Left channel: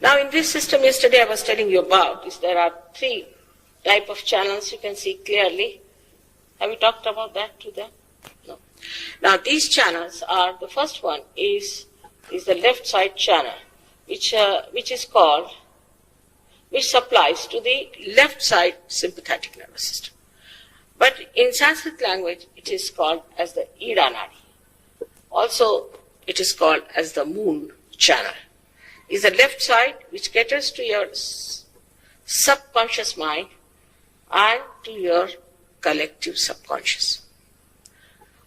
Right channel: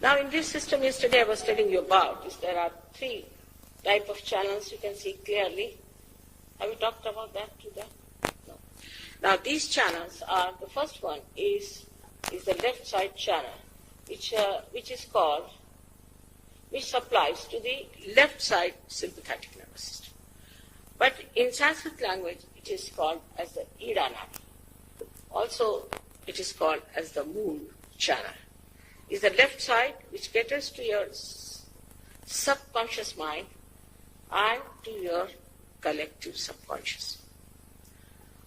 Now in this system, yesterday I was telling you about, is there are three type of channels you can see clearly. Have we talked about that today? No. Now these channels are, the first one is the left side channel, which supplies to the left side sympathetic nervous system. But in Sanskrit language, it is called as the Ida Nadi. Also, it is called as the moon channel. Is the left side which caters to your subconscious mind and to your collective subconscious.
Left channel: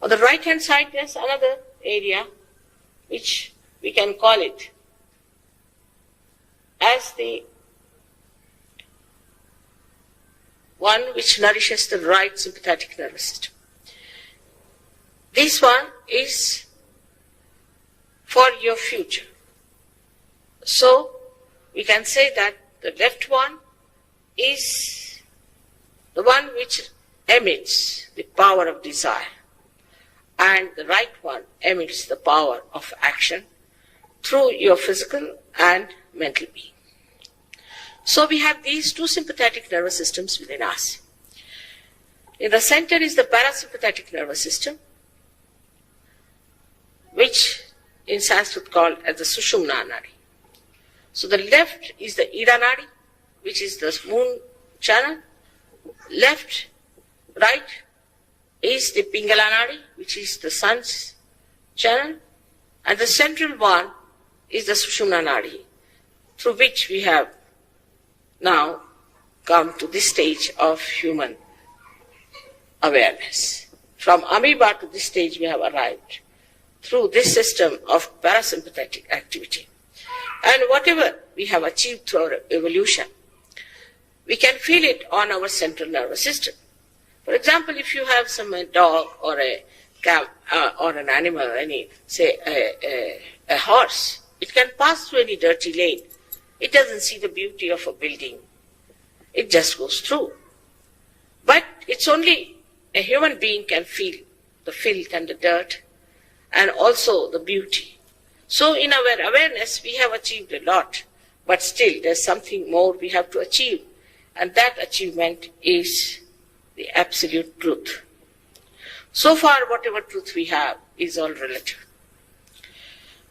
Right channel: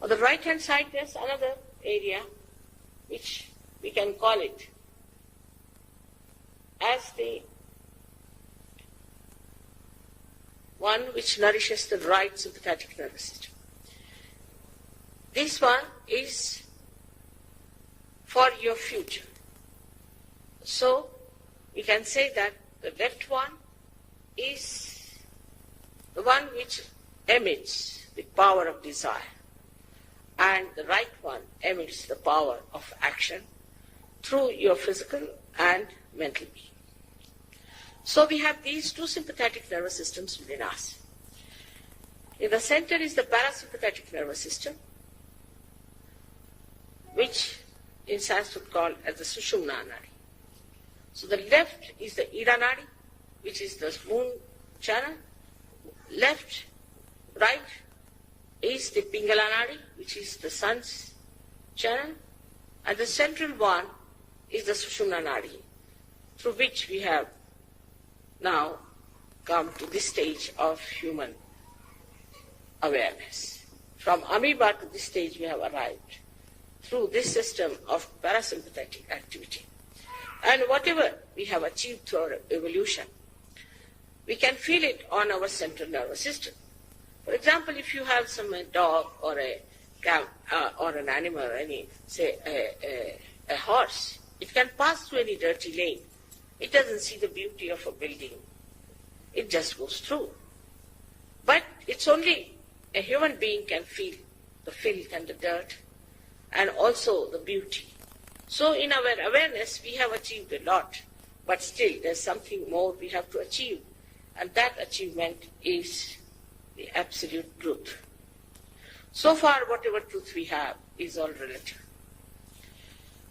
On the right hand side, there's another area which we can call it as the one which nourishes the right sympathetic nervous system. This one is for your future. So we can say that the left one is the one which emits the power of desire, and the right one emits the power of action through your physical and mental being. So we have these two sympathetic nervous systems within us. In the center is the parasympathetic nervous system, which in Sanskrit called as the Sushumna Nadi. So the left is the Ida Nadi, which is the moon channel. Left, right is the Pingala Nadi, which is the sun's channel. And the central one is the Sushumna Nadi, through which we have now come to this stage of human awareness. From amoeba to this stage we have arrived through this system of parasympathetic activity. And whatever we have achieved through our evolution, we can feel it on our central nervous system. For example, if you have some dog or a cat or an animal, say a horse, it can pass through any dirty lane. It doesn't see the beauty of a building. It just goes through. But it's only a human being can feel the filth and the dirt and also the beauty. So in our awareness, we have achieved a lot, but still there's something more we have to achieve, and that achievement is the absolute truth. So far, whatever truth we have is all relative.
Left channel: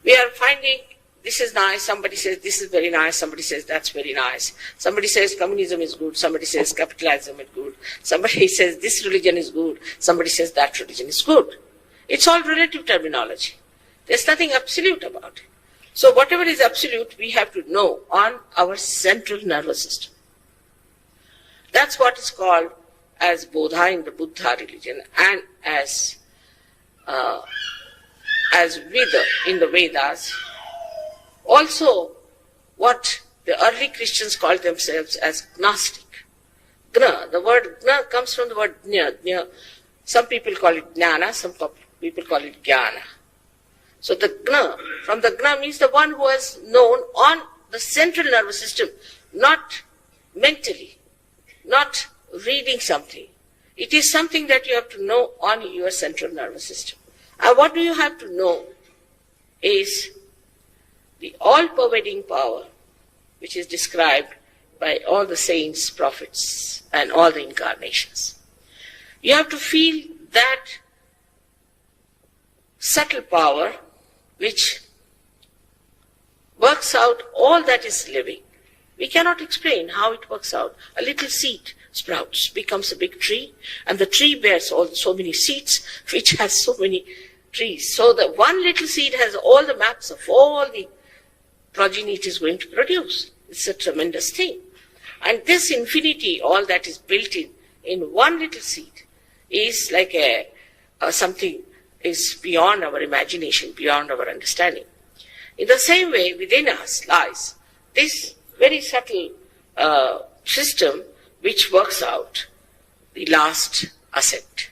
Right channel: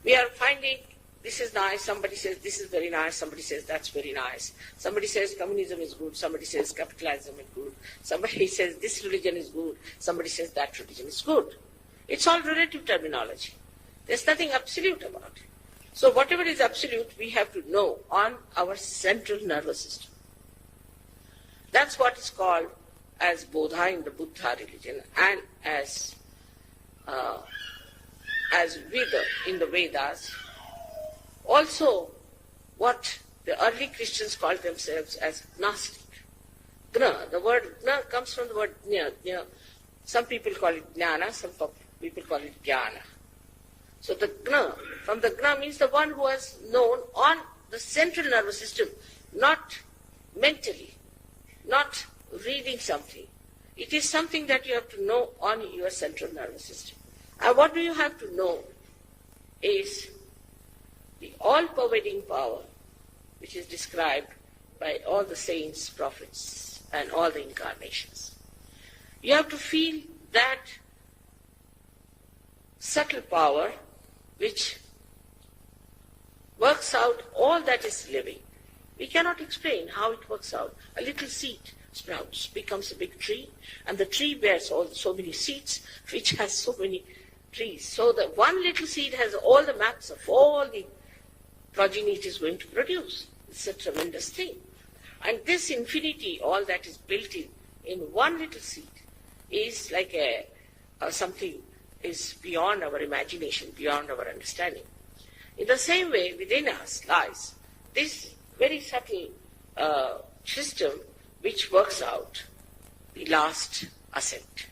We are finding this is nice, somebody says this is very nice, somebody says that's very nice. Somebody says communism is good, somebody says capitalism is good, somebody says this religion is good, somebody says that religion is good. It's all relative terminology. There's nothing absolute about it. So whatever is absolute, we have to know on our central nervous system. That's what is called as Bodha in the Buddha religion, and as Veda in the Vedas. Also, what the early Christians called themselves as Gnostic. Gna, the word Gna comes from the word Jna. Some people call it Jnana, some people call it Jnana. So the Gna, from the Gna means the one who has known on the central nervous system, not mentally, not reading something. It is something that you have to know on your central nervous system. And what do you have to know is the all-pervading power which is described by all the saints, prophets, and all the incarnations. You have to feel that subtle power which works out all that is living. We cannot explain how it works out. A little seed sprouts, becomes a big tree, and the tree bears so many seeds, which has so many trees. So the one little seed has all the maps of all the progeny it is going to produce. It's a tremendous thing. And this infinity, all that is built in one little seed, is like something is beyond our imagination, beyond our understanding. In the same way, within us lies this very subtle system which works out the last ascent.